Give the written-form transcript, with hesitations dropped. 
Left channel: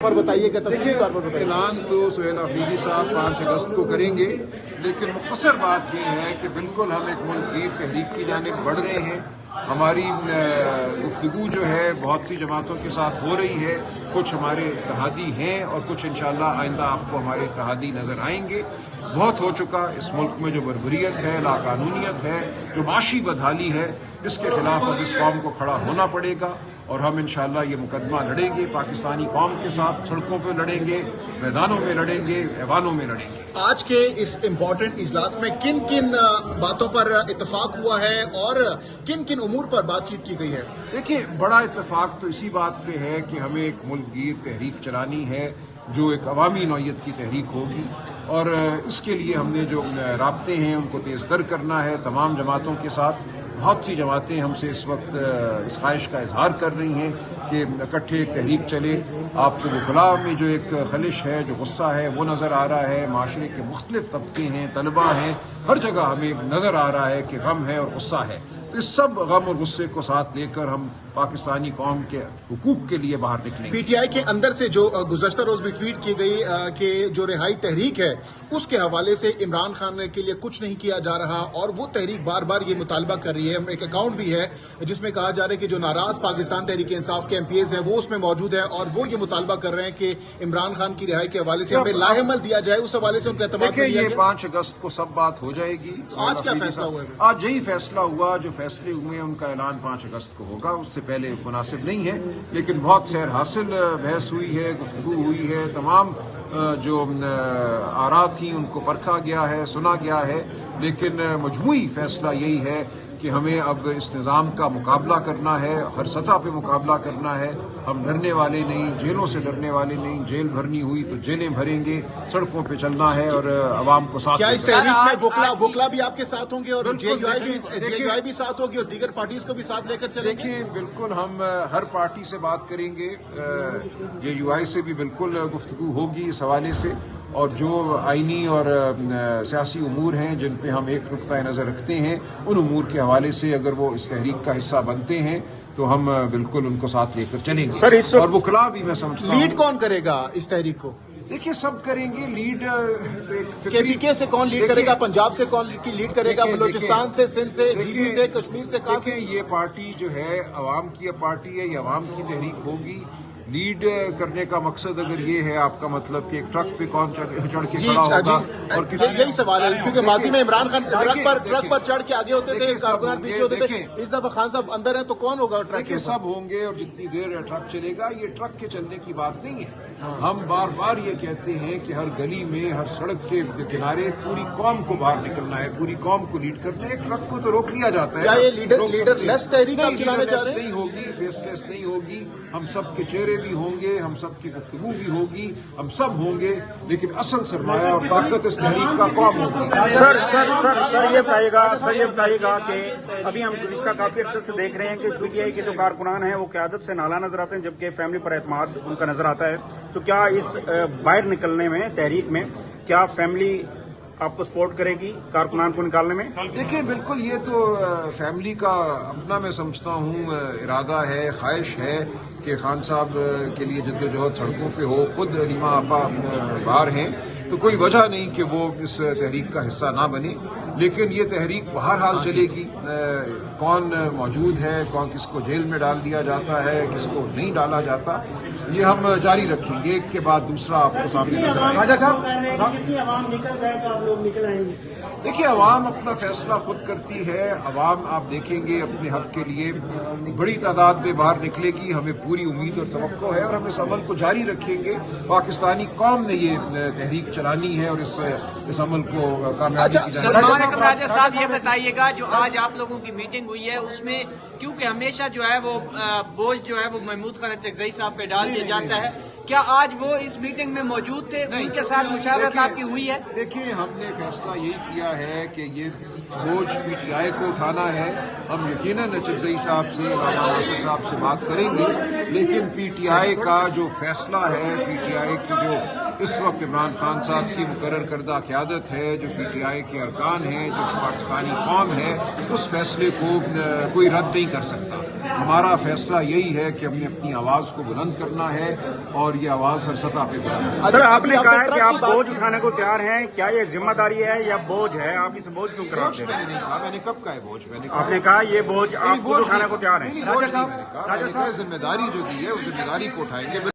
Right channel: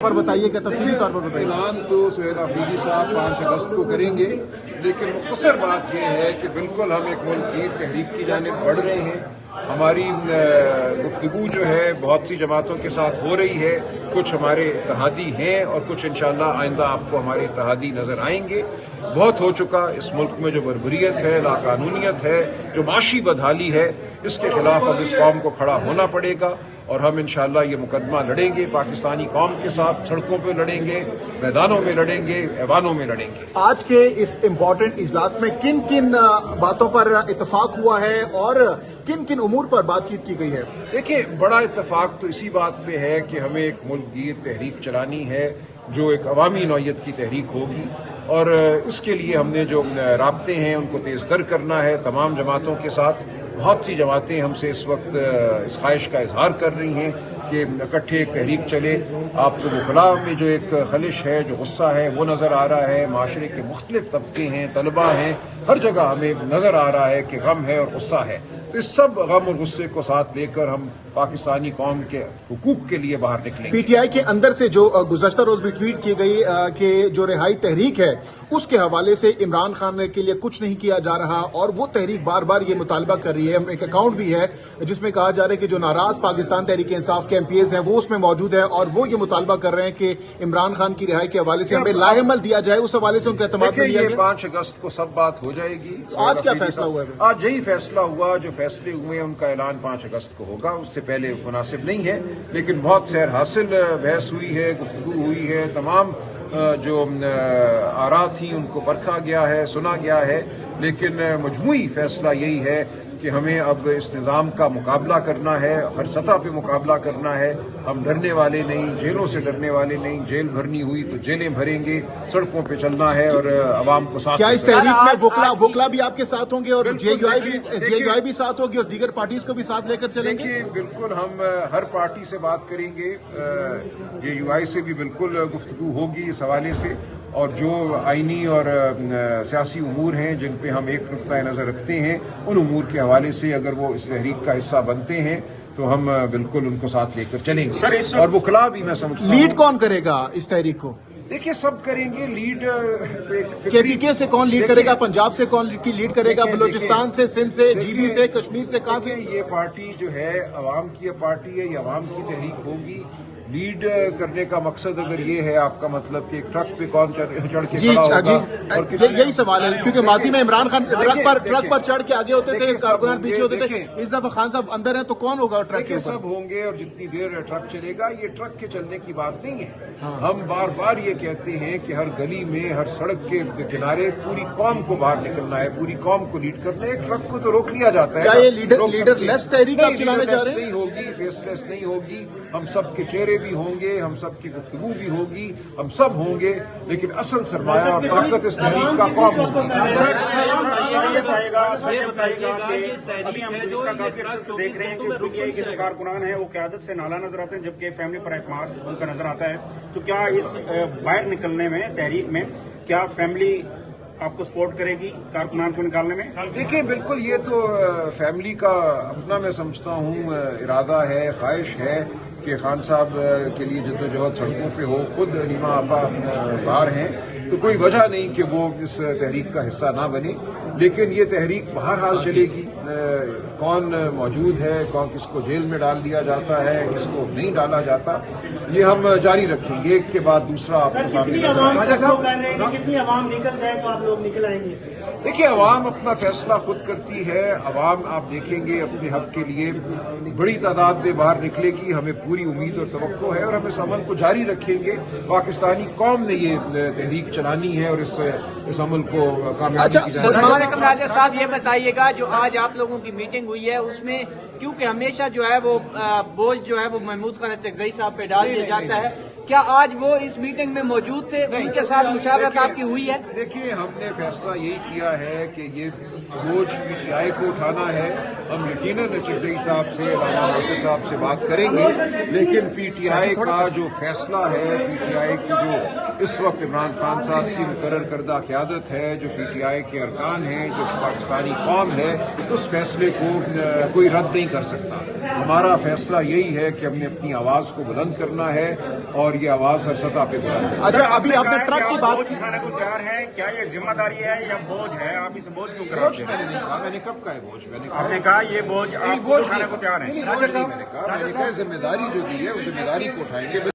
پر بتائیے کہ اعلان تو سہیل آفریدی صاحب 5 اگست کو کریں گے، لیکن مختصر بات یہ ہے کہ بالکل ہم ایک ملک گیر تحریک کی جانب بڑھ رہے ہیں۔ ہماری گفتگو جو ہے بہت سی جماعتوں کے ساتھ ہو رہی ہے، کچھ ہمارے اتحادی ہیں اور کچھ انشاءاللہ آئندہ آپ کو ہمارے اتحادی نظر آئیں گے۔ بہت ہو چکا اس ملک میں جو بربریت ہے، لاقانونیت ہے، جو معاشی بدحالی ہے، اس کے خلاف اب اس قوم کو کھڑا ہونا پڑے گا اور ہم انشاءاللہ یہ مقدمہ لڑیں گے، پاکستانی قوم کے ساتھ سڑکوں پہ لڑیں گے، میدانوں میں لڑیں گے، ایوانوں میں لڑیں گے۔ آج کے اس امپورٹنٹ اجلاس میں کن کن باتوں پر اتفاق ہوا ہے اور کن کن امور پر بات چیت کی گئی ہے؟ دیکھیں، بڑا اتفاق تو اسی بات پہ ہے کہ ہمیں ایک ملک گیر تحریک چلانی ہے جو ایک عوامی نوعیت کی تحریک ہوگی، اور اس کے لیے ہم نے جو رابطے ہیں ان کو تیز تر کرنا ہے تمام جماعتوں کے ساتھ۔ بہت سی جماعتیں ہم سے اس وقت اس خواہش کا اظہار کر رہی ہیں کہ اکٹھے ایک تحریک چلے۔ آپ کو وکلاء میں جو ایک خلش ہے، جو غصہ ہے، وہ نظر آ رہا ہے۔ معاشرے کے مختلف طبقے ہیں، طلباء ہیں، ہر جگہ ہمیں نظر آ رہا ہے کہ غم ہے اور غصہ ہے۔ تو اس سب غم اور غصے کو ساتھ لے کر ہم پاکستانی قوم کے حقوق کے لیے باہر نکلیں گے۔ پی ٹی آئی کے اندر سے جو گزشتہ روز بھی ٹویٹ کی گئی کہ جو رہائی تحریک ہے اس کے حوالے سے عمران خان کے لیے کچھ نہیں کیا جا رہا، اور وہ تحریک بار بار یہ مطالبہ کر رہی ہے۔ ایک اکاؤنٹ بھی ہے جس میں کہا جا رہا ہے کہ جو ناراض پاکستان تحریک انصاف کے ایم پی ایز ہیں وہ اس میں موجود ہے، اور وہ یہ مطالبہ کر رہے ہیں کہ عمران خان کی رہائی کے حوالے سے ہمیں لاہ عمل دیا جائے۔ اس حوالے سے ان کا اعتماد یہ 5 اگست کو سب بات ہو جائے گی۔ آج کیا فیصلہ ہوا ہے؟ آج یہی فیصلہ ہوا، جو فیصلے ہوئے ان کا اعلان 5 اگست کو ہوگا، اس سے پہلے مناسب نہیں ہے، لیکن بہت سیر حاصل بحث ہوئی ہے، گفتگو ہوئی ہے، تمام جو آراء تھیں ان کو پرکھا گیا ہے، سنا گیا ہے، لیکن مجموعی فیصلہ یہی ہے کہ ہمیں اب اس نظام کا مقابلہ کرنا ہے، ہر سطح پہ مقابلہ کرنا ہے۔ ہم ڈرنے والے نہیں، جیلوں سے ڈرنے والے نہیں، جیل بھرنی ہوئی تو جیلیں بھریں گے، سڑکوں پہ چلنا ہے اور عوام کو ساتھ کیا اس تحریک میں وکلا بھی آپ کے ساتھ ہوں گے اور جے یو آئی بھی ساتھ ہوگی اور دیگر پارٹیز کو بھی ساتھ لے کر چلیں گے؟ دیکھیں، بالکل ہم ہر پارٹی سے بات کریں گے، جے یو آئی سے بھی بالکل گفتگو ہوگی اس حوالے سے، اور جو آئینی اور سیاسی امور ہیں جن پہ ہم ایک نقطۂ نظر رکھتے ہیں، ان امور کے حوالے سے اگر وہ اس تحریک کا حصہ بنتے ہیں تو ہم بالکل ان کو ساتھ لے کر چلیں گے۔ اور وکلاء بھی میں سمجھتا ہوں لیڈ کون کرے گا اس تحریک کو؟ دیکھیے، سب کریں گے لیڈ تو ایک کے سے کون لیڈ کرے گا؟ پنجاب سے کون لیڈ کرے گا؟ بلوچستان سے، سندھ سے، جی بی سے، کشمیر سے؟ یہ پارٹی جو ہے عوام کی پارٹی ہے، یہ عوام کی تحریک ہوگی۔ لیڈ کرنے کا مقصد اگر یہ ہے آپ کا مطلب کہ ایک ٹرک پہ کون چڑھ کے کھڑا ہوگا، اور یہی سوال ہے کیونکہ ماضی میں عمران خان ٹرک پر چڑھ کے آگے ہوتے تھے، خان صاحب اندر ہیں تو کون ہوگا؟ دیکھیں، سب ہوں گے، اور جتنی دیر ٹرک چلے گا، یہ ٹرک کے چلنے کی بات نہیں ہے۔ ہم بار بار یہ کہتے ہیں کہ ہر گلی میں، ہر سڑک کے کنارے پوری قوم کو باہر نکلنا ہے، پوری قوم کو لیڈ کرنا ہے۔ ایک ٹرک کو تو روک لیا جاتا ہے، روک سکتے ہیں، نہیں، لیڈرلیس نہیں ہوگی، فیس لیس نہیں ہوگی۔ ہم سب کے چہرے بھی ہوں گے، ہم سب کی گفتگو بھی ہوگی، ہم سب ہوں گے، لیکن اصل سرمایہ اور طاقت اس تحریک کا قوم ہوگی۔ یہ بتائے گا کہ ابھی ہم گزشتہ کافی عرصے سے دیکھ رہے ہیں کہ پی ٹی آئی کے جو کارکنان ہیں وہ قیادت سے نالا نظر آتے ہیں، جبکہ فیملی پر اعتماد ان کا نظر آتا ہے۔ تو کیا اس باہر نکلنے میں، تحریک میں، کیا فیملی آپ کو سپورٹ کرے گی کارکنان کو نکالنے میں؟ دیکھیں، بالکل یہ تو فیملی کا اپنا میں سمجھتا ہوں ارادہ ہے، خواہش ہے کہ خان صاحب کے لیے جدوجہد سڑکوں پہ ہو۔ خود نیما آپا باہر ہیں، تو کوئی وجہ نہیں کہ وہ اس تحریک کا حصہ نہ بنے، لیکن یہ تحریک بہرحال چلے گی۔ کون موجود ہے، کون کس کو جیل میں ڈال دیا جاتا ہے، کس کو نہیں ڈالا جاتا، یہ ہم جاری رکھیں گے، ایک کے بعد دوسرا آپ کو سامنے نظر آئے گا۔ دیکھیے، عوام اپنا فیصلہ خود کرتی ہے۔ عوام آپ دیکھیں گے اپنے حق کے لیے بڑی تعداد میں باہر نکلے گی، ہمیں پوری امید اور توقع ہے، اور ہم اس عمل کو جاری رکھیں گے۔ پاکستانی قوم نے یہ تحریک چلانی ہے اور اس عمل کو کامیابی کی جانب۔ سلمان اکرم راجہ صاحب، یہ بتائیے گا جو آج آپ لوگوں کی میٹنگ ہوئی ہے اس میں کیونکہ ہمیشہ جو ہے وہ بوجھ جو ہے وہ محمود خالد چکزئی صاحب پہ ڈال دیا جاتا ہے، کیا آج وہ اس میٹنگ میں موجود تھے؟ ان کے ساتھ مشاورت آپ کی ہوئی ہے؟ دیکھیے، ہم نے فیصلہ یہی کیا ہے کہ یہ بوجھ پی ٹی آئی کو اٹھانا ہے۔ ہم یقیناً چکزئی صاحب سے، علامہ ناصر صاحب سے بات کریں گے، لیکن پی ٹی آئی کا جو فیصلہ ہے، پی ٹی آئی کی جو اس وقت عمران خان صاحب کی مقرر کردہ قیادت ہے، جو پی ٹی آئی کے ارکان ہیں، جو پاکستانی قوم ہے، اس فیصلے کو کوئی رد نہیں کر سکتا۔ ہمارا فیصلہ یہی ہے کہ ہم نے اپنی آواز کو بلند کرنا ہے، اور یہ آواز ہر سطح پہ بلند ہے. سر آپ نے کہا ہے کہ آپ بوجھ اٹھانے کو تیار ہیں، کیا یہ ذمہ داری ہے یا بوجھ ہے؟ آپ اسے بوجھ کیوں کرا بوجھ میں نے نہیں کہا، میں نے کب کہا ہے بوجھ؟ میں نے آپ نے کہا یہ بوجھ آپ بوجھ اٹھانے کو تیار ہیں. بوجھ نہیں، میں نے کہا ذمہ داری جو دی ہے اس ذمہ داری کو اٹھائیں گے.